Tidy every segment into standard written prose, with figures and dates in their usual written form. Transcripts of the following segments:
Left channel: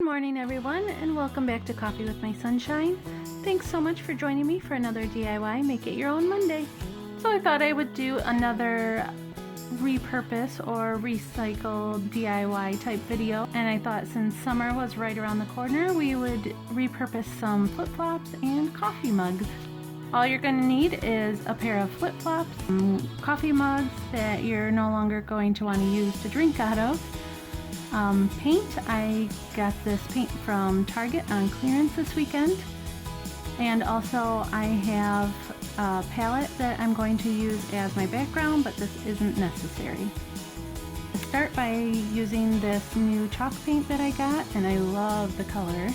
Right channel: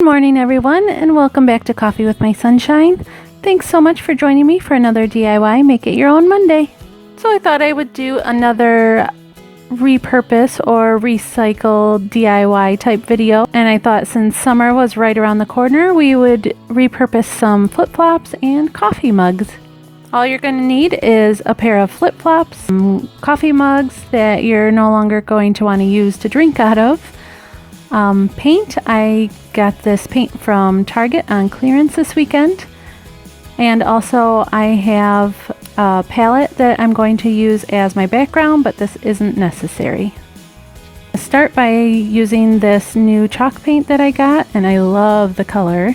Good morning everyone, and welcome back to Coffee with My Sunshine. Thanks so much for joining me for another DIY Make It Your Own Monday. So I thought I would do another repurpose or recycle DIY type video, and I thought since summer was right around the corner, we would repurpose some flip-flops and coffee mugs. All you're going to need is a pair of flip-flops, some coffee mugs that you're no longer going to want to use to drink out of. Paint. I got this paint from Target on clearance this weekend, and also I have a palette that I'm going to use as my background, but this isn't necessary. I'll start by using this new chalk paint that I got, and I love the color.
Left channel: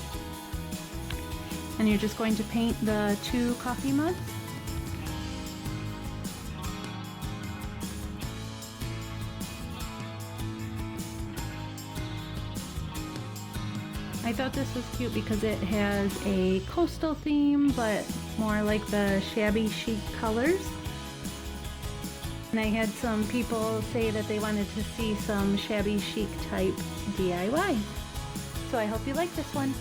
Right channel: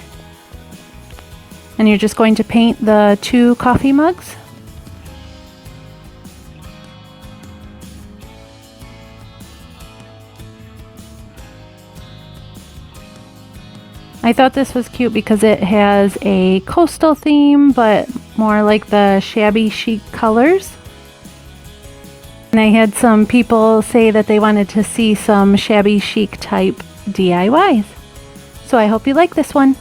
And you're just going to paint the two coffee mugs. I thought this was cute because it has a coastal theme, but more like the shabby chic colors. And I had some people say that they wanted to see some shabby chic type DIYs. So I hope you like this one.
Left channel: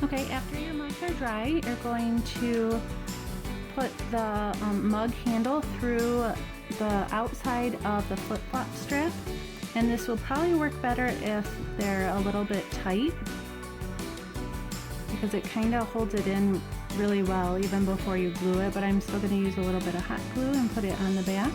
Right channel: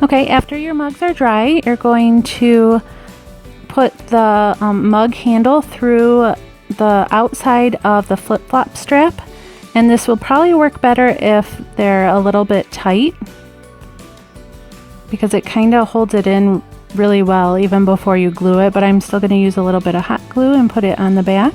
Okay, after your mugs are dry, you're going to put the mug handle through the outside of the flip-flop strap, and this will probably work better if they're a little bit tight because it kind of holds it in really well even before you glue it, but I'm still going to use a little bit of hot glue and put it on the back.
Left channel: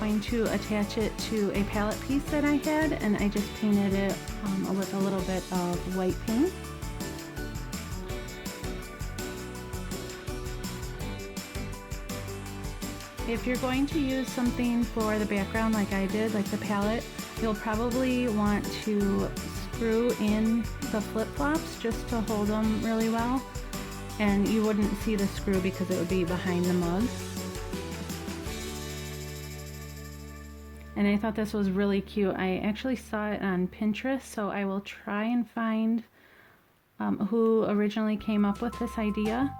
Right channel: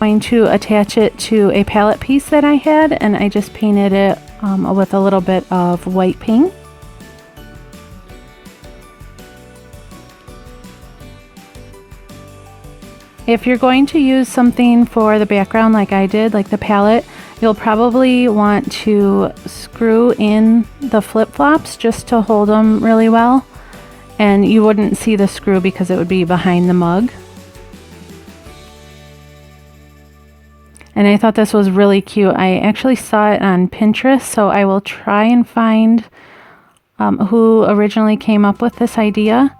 Going to attach it to a palette piece that I had, and I just painted it with a little bit of white paint. If you're going to use something for the background like I did, like the palette, you'll probably want to screw in the flip-flops just to hold them really well, and you wouldn't see the screw because it would be behind the mug. And I thought this was really cute. I actually saw it on Pinterest, so I will try and find who originally came up with this idea.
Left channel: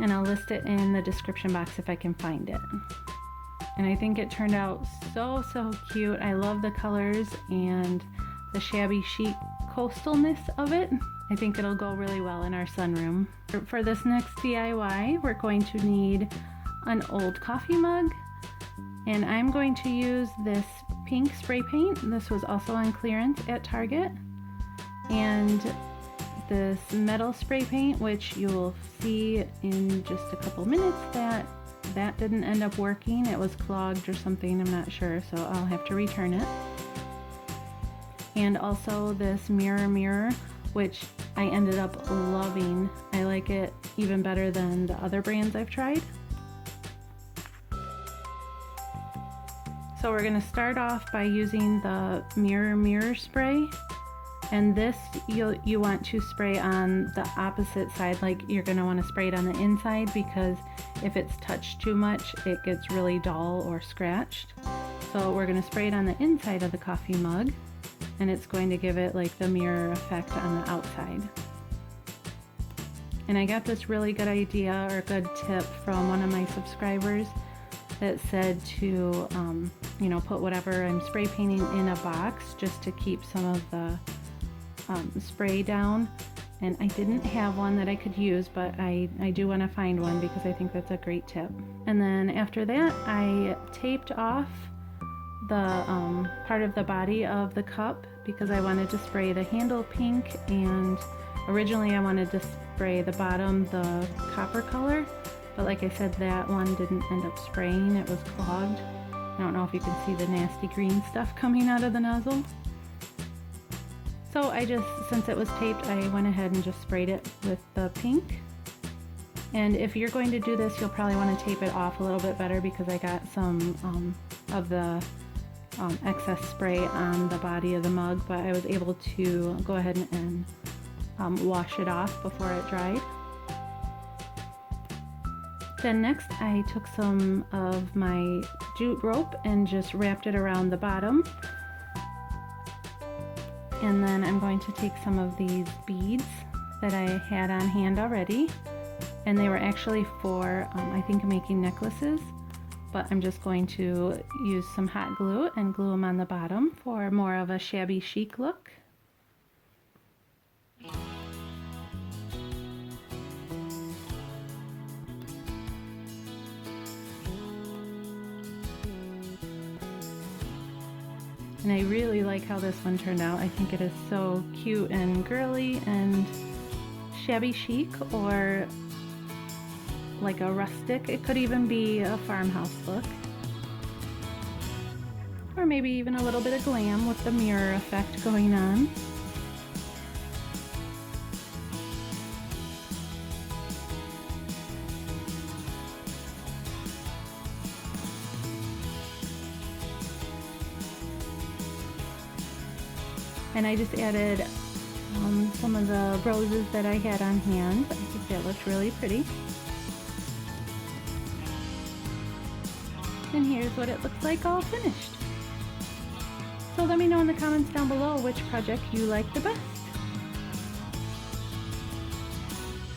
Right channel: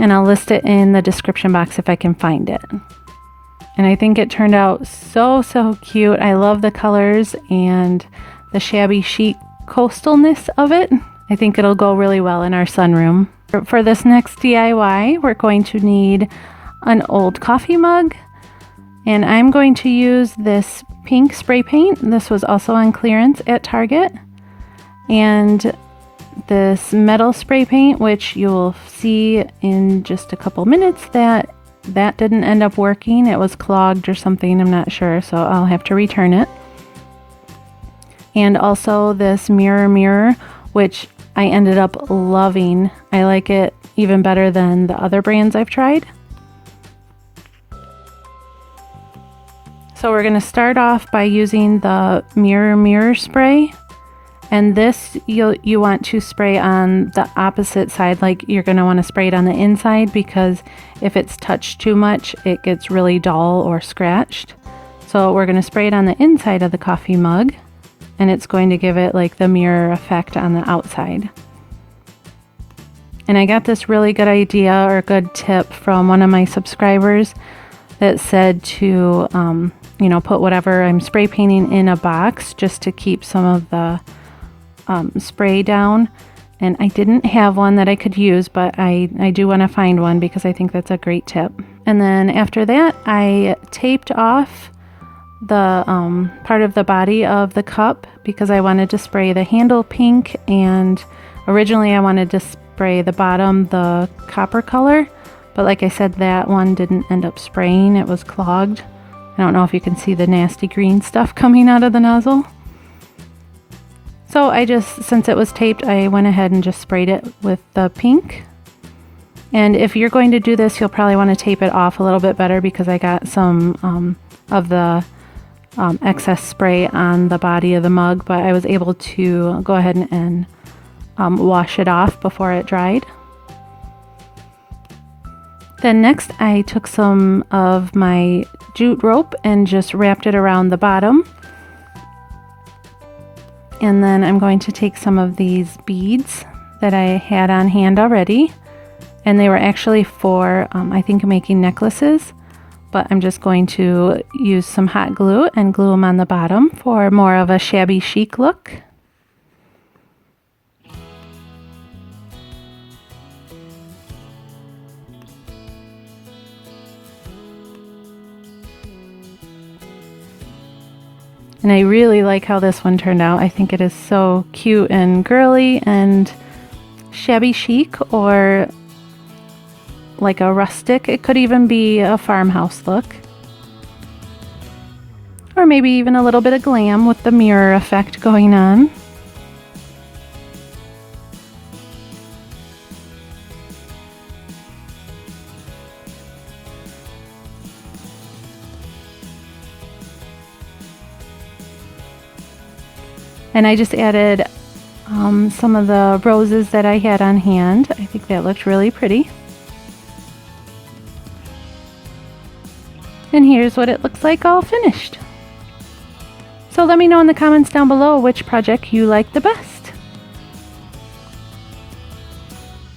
And I'll list it in the description box if I can find it. And I think it turned out so cute. I love the colors and the shabby chic coastalness of it. I think it'll go really well in our sunroom. For this next DIY, we're going to need an old coffee mug. And I'm going to use this pink spray paint. This was also on clearance at Target. And this metal spray paint, which you'll see in just a couple minutes that didn't end up working. It was clogged or something, I'm not sure, so I'll have to return it. And also this mirror, which I ended up loving. I like it even better than the other brands I've tried. So we're going to start off by using the mirror spray, and this you want to spray on the opposite side, like you're going to want to spray it on the inside, because if it's touched too much it gets really dull or scratched. So we're going to spray it on the inside of the coffee mug, and it's going to give it like the mirror effect on the outside. And I got this really good idea or good tip from one of my subscribers that said to put whatever I'm spray painting in a box just to keep some of the spray down, and I didn't have one that I could use, but I do want to find one because I think that's a great tip. And then after that, I taped off the part of the body of the cup because I wanted to spray the handle pink, and originally I wanted to spray the bottom the copper color, but like I said, that one didn't end up spraying. It was clogged. I don't know if you can see the nasty green stuff coming out of the nozzle. So I just, since it was taped, I went ahead and just sprayed it with the pink. And if you're going to do this, you'll probably want to tape it off a little bit better because I got some of the excess spray on the body of the mug, but I was able to go ahead and wash it off before it dried. Then next I took some of my jute rope and just wrapped it around the bottom. And then I'm going to take some of these beads that I had on hand already, and they were actually for I think making necklaces, but I'm just going to use some hot glue and glue them on the bottom for more of a shabby chic look. And I really like how this one turned out. I think it is so cute and girly and shabby chic, or like a rustic. It could even be a farmhouse look. Or maybe even a little bit of glam with the mirror effect going on. And I just added some of the roses that I had on hand. I think that looked really pretty. And here's what it looks like all finished. So let me know in the comments down below which project you like the best.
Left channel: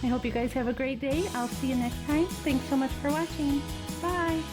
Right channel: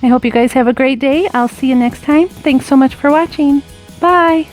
I hope you guys have a great day. I'll see you next time. Thanks so much for watching. Bye!